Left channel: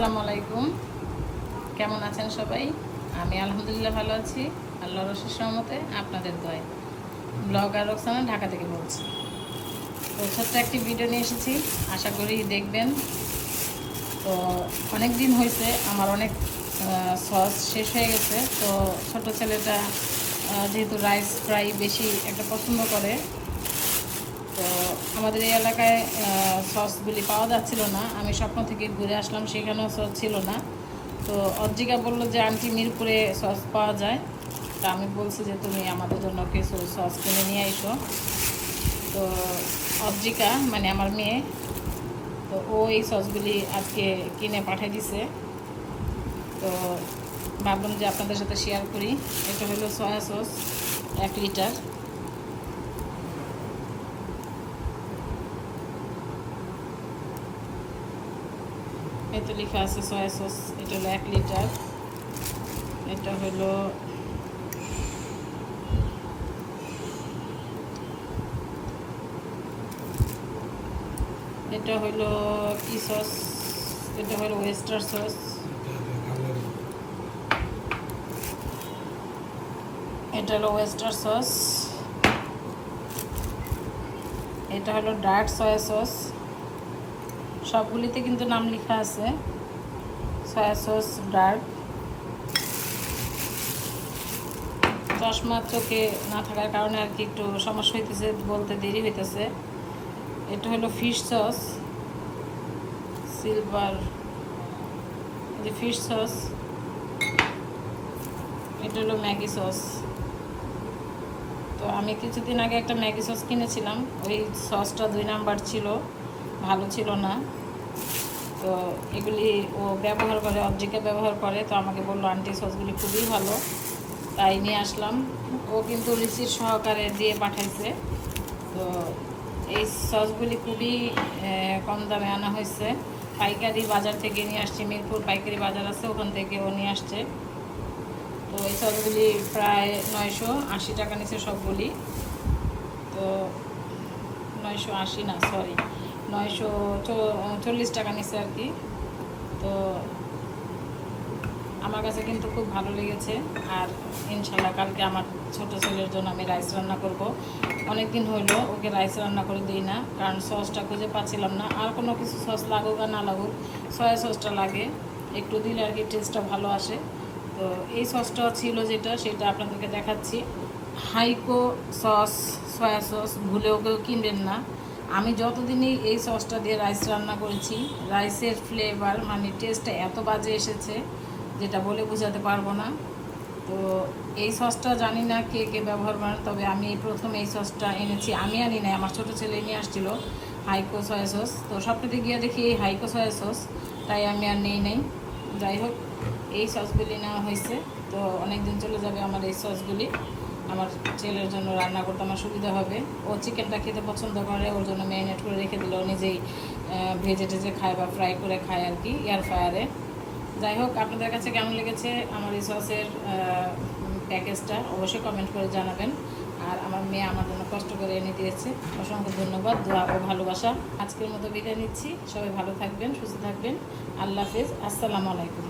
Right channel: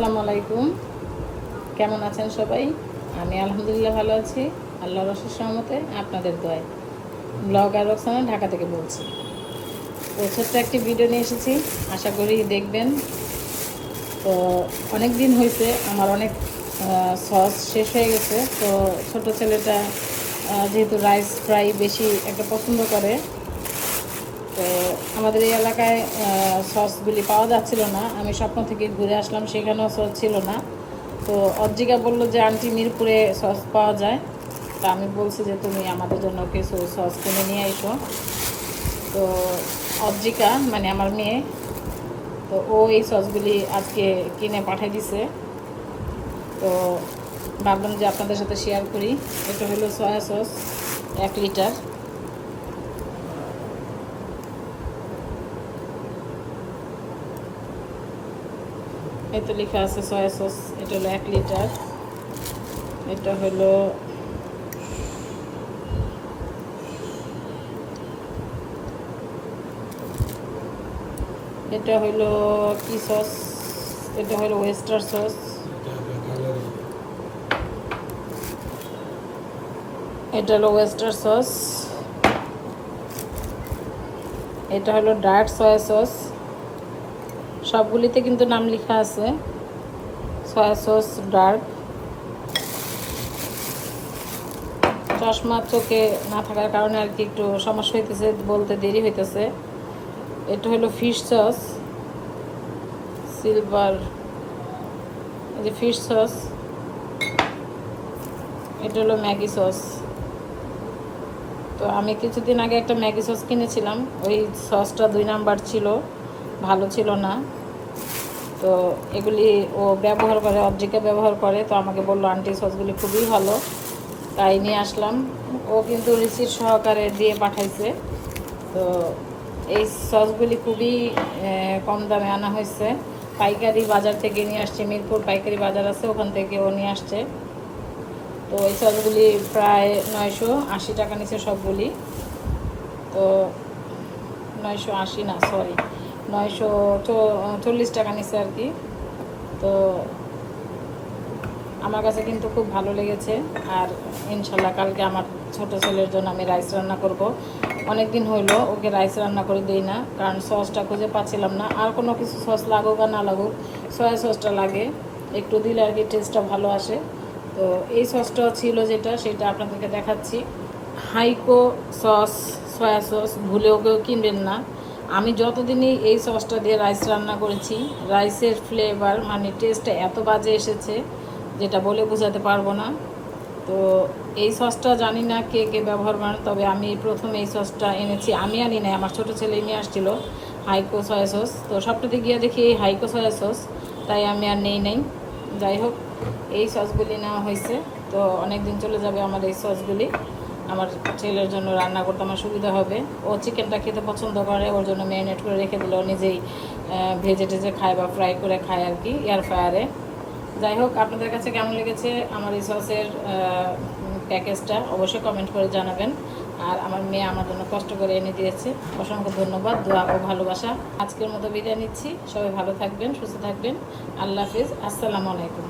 আসসালামু আলাইকুম। কেমন আছেন সবাই? আমি আলহামদুলিল্লাহ ভালো আছি। আল্লাহ রসের সহমতে আপনাদের দোয়ায়। ব্লগার রোকসানা ঢাকা থেকে বলছি। তো ছোট্ট একটি ভিডিও নিয়ে এসেছি। আশা করি দেখবেন। তো অনেক দিন হয়েছে, আমার অনেক সস শেষ হয়ে গেছে। তো ছোট ছেলেটা যেহেতু রাইস ফ্রাই বেশি একটা পছন্দ করে তো আমাদের এই এলাকায় সসগুলি পাওয়া যাচ্ছিল না। আমি স্বপ্ন থেকে ঘুরে আসলাম, সেখানেও সস ছিল না। তো অজ্জিকা বলল যে, আন্টি মিরপুরে সস পাওয়া যায়? তা আমি বলছি যে, তুমি আমাদের জন্য কিছু সস কিনে নিয়ে এসো। তো অজ্জিকা মানে আমার মেয়ে, তো ও এই সসগুলি আজকে কিনে পাঠিয়ে দিছে। তো ভাবলাম যে আপনাদের সাথে শেয়ার করি। এটা হলো সয়া সস এক লিটার এতে লেখা আছে সয়া সস এটা হলো এক লিটার এটা হলো এটা হলো কি সস এটা হলো ওয়েস্টার সস এটা হলো ওয়েস্টার সস এটা হলো ডার্ক সয়া সস সবগুলিতে কিন্তু নাম লেখা আছে। Soya sauce, dark. চশমা চোখে না থাকার কারণে আর কি একটু সমস্যা হইতেছে, বলতে দেরি হইতেছে। এটা হলো ফিশ সস, সিলভার। যে ফিশ সস, এটা হলো ম্যাগি সস। তো আমি কিছুদিন আগে একটা ম্যাগি সস কিনেছিলাম, ওই সসটা দুই নাম্বার ছিল। ভালো ছিল না। তো এগুলি ও ব্যবহার করে অবজিকে ব্যবহার করে, তো আমাকে বলল, আন্টি সসগুলি খুবই ভালো। তাই নিয়ে আসলাম। ও কিন্তু রিসিট সহকারে দিয়ে পাঠাইছে। তো এই সসগুলি খুবই কম দামে আনা হয়েছে। পাইকারি বাজার থেকে নিয়ে আসছে, মিরপুর পাইকারি বাজার আছে, ওখান থেকে ও নিয়ে আসছে। তো এই সসগুলি প্রায় নয়শো আশি টাকা নিচে সবগুলি। তো নয়শো আশি না, সরি। নয়শো চল্লিশ টাকা নিচে আর কি। তো আমার কাছে কিন্তু খুব ভালো লেগেছে। আর ইনশাল্লাহ কালকে আমার ছোট ছেলের জন্য আমি রাইস রান্না করব। অনেক দিন হইল ওকে রাইস রান্না করে দিই না, কারণ সসটা খুঁজে পাচ্ছিলাম না। আর কোনো কিছু সস লাগুক আর না লাগুক, সয়া সসটা লাগে। একটু দিলে আর কি টেস্টটা ভালো আসে। তো এই সসটা ছিল যেটা, সেটা আপনাদেরকে দেখাচ্ছি। হাইকো সস, সয়া সস, ভুলেও কেউ কিনবেন না। আমি যতদিনই এই সসটা দিয়ে রাইস রান্না করেছি রাইসের ফ্লেভার মানে টেস্টটা এত বাজে এসেছে যেটা বলে বোঝাতে পারব না। তো এই সসটা জানি না কে কে ব্যবহার করেন, তবে আমি প্রথম এই সসটা এনেছি। আমি আনি নাই, আমার ছোটো ছেলে নিয়ে আসছিল, হাইকো সয়া সস তো সবটাতে গিয়ে দেখি এই হাইকো সয়া সস তাই আমি আর নেই নেই। যাই হোক, এই সসগুলি নেওয়া হয়েছে। তো অনেক দিন চলে যাবে আমার এই সসগুলি আমার ছেলের জন্য রান্না করতে আমার সুবিধা হবে। ও চিকেনটা খেতে পছন্দ করে, ওর জন্য ম্যারিনেট করে রেখে দিল। নিজেই ভেজে টেজে খায় বা ফ্রাই করে খায় আর কি এয়ার ফ্রায়ারে যাই হোক, আপনাদের কাছে কেমন লেগেছে আমার এই সসের প্যাকেজটা অবশ্যই কমেন্ট করে জানাবেন। আর আমার মেয়ে আমার জন্য কষ্ট করে এনে দিয়েছে। অসংখ্য ধন্যবাদ, দোয়া ও ভালোবাসা। আজকের মতো বিদায় নিচ্ছি। সবাই ভালো থাকবেন, সুস্থ থাকবেন। আল্লাহ হাফিজ। আসসালামু আলাইকুম।